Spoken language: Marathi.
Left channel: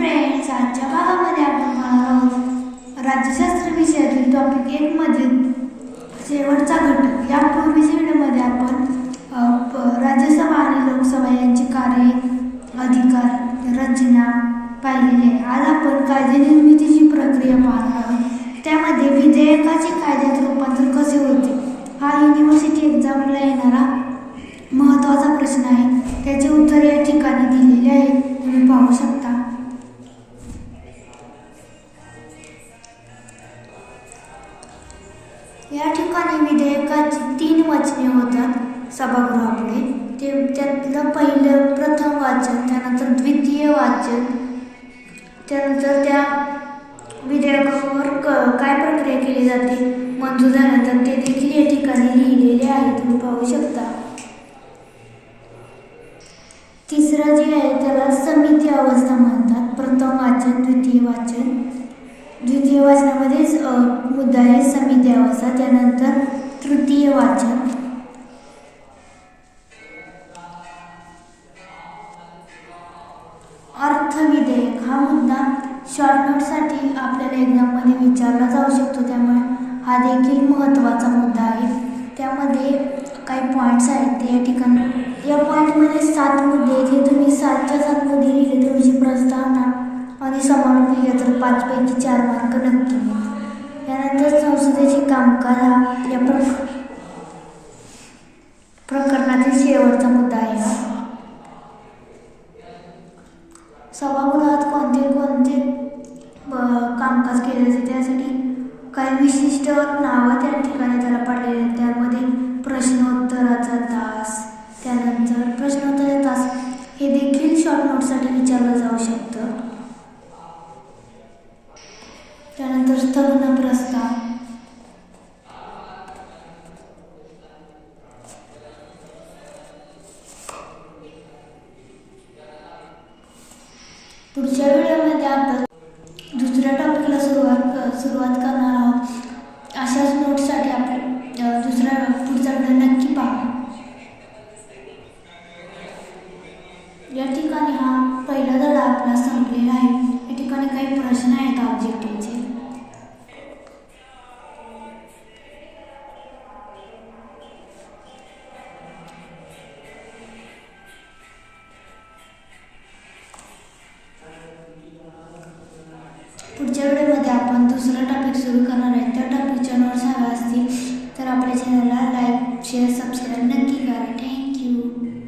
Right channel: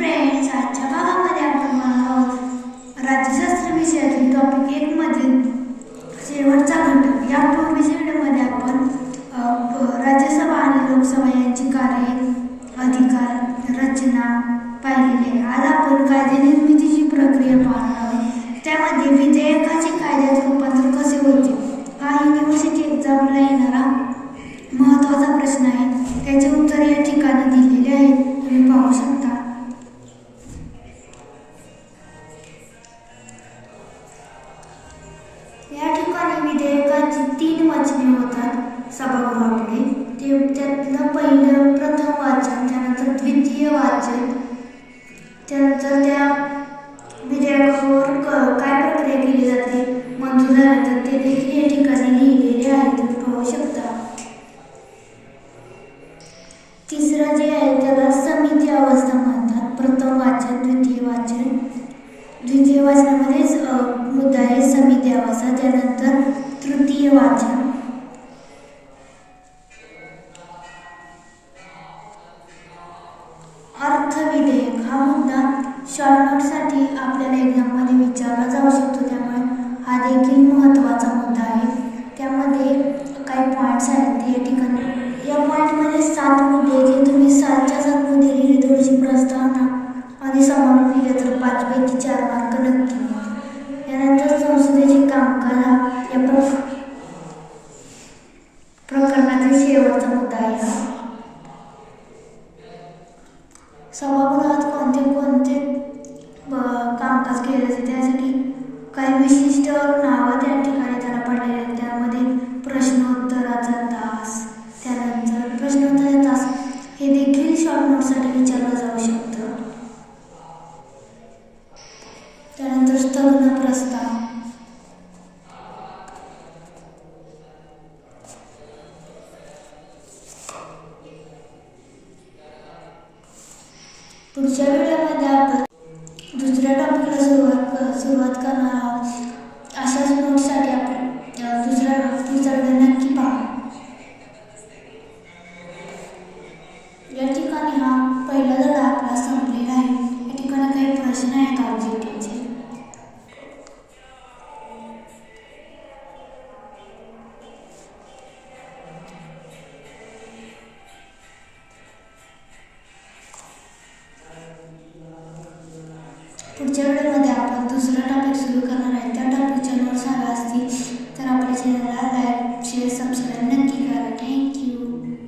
फ्रेंड्स आजच्या भागामध्ये आपण पाहणार आहोत. राज्यशास्त्र विषयातील टॉपिक एक मधील शेवटचा घटक. यापूर्वीच्या व्हिडिओमध्ये आपण राज्यसभा आणि लोकसभा यांची कार्य अधिकार रचना पाहिलेली आहे. आज आपण कायदे निर्मितीची प्रक्रिया पाहणार आहोत. त्यामध्ये विधेयकाचे कायद्यात रूपांतर कसे होते? हा युनिव्हर्सिटी एक्झामला येणारा महत्त्वाचा प्रश्न आहे. त्याचे उत्तर या ठिकाणी या ठिकाणी विधेयकाची तीन वचने होतात सभागृहापुढे. ते त्यातलं पहिलं प्रथम वाचन त्यानंतर द्वितीय वाचन त्यानंतर त्या विधेयकावर क काय प्रक्रिया केली जाते? मंजूर झाल्यानंतर ते देखील या ठिकाणी लिहिलेले आहे तुम्ही पाहू शकता. तिसरं जे आहे त्याला समिती अवस्था म्हणतात. प्रथम वाचन द्वितीय वाचन. द्वितीय वाचनामध्येच मुद्दा आहे समिती अवस्था त्यानंतर तृतीय वाचन. अर्थ विधेयक हा मुद्दा शॉर्टनोटसाठी आपल्याला एक्झाममध्ये विचारला जाऊ शकतो. त्यामुळे हा देखील महत्त्वाचा मुद्दा आहे. त्यामध्ये काही पॉईंट्स आहेत. ते या ठिकाणी या पॉईंटमध्ये सात मुद्दे जे तुम्ही सातच्या सात मुद्दे लिहिले तुमची प्रस्तावना आणि समान लिहिलं तर पाचपैकी चार मार्क नक्की यानंतर संसदेचे कामकाज हा या प्रक प्रकरणातील शेवटचा मुद्दा आहे ना? सभागृहात कोणते कोणते कामकाज केले जाते? त्यासाठी काही विशिष्ट नावं त्या ठिकाणी त्याला पडलेले आहेत. त्यामध्ये प्रश्नोत्तराचा तास त्यानंतर प्रश्नोत्तराचा तास हे देखील शॉर्ट नोटसाठी विचारलं जाऊ शकतं. त्यानंतर проста. प्रस्ताव. पुढच्या व्हिडिओमध्ये आपण दुसऱ्या टॉपिकला सुरुवात सुरुवात करणार आहोत. अशाच नोट्ससाठी आपण दुसऱ्या दुसरा पुढचा व्हिडिओ नक्की पहा. या ठिकाणी हा पहिला धडा आपला संपलेला आहे. या ठिकाणी काही प्रश्न आहेत ऑब्जेक्टिव्हचे पुढच्या व्हिडिओमध्ये आपण दुसरा टॉपिक सुरू करणार आहे. त्या टॉपिक चॅनलवर हव्या असतील तर आपल्या चॅनलला लाईक शेअर सबस्क्राईब नक्की करा. थँक्यू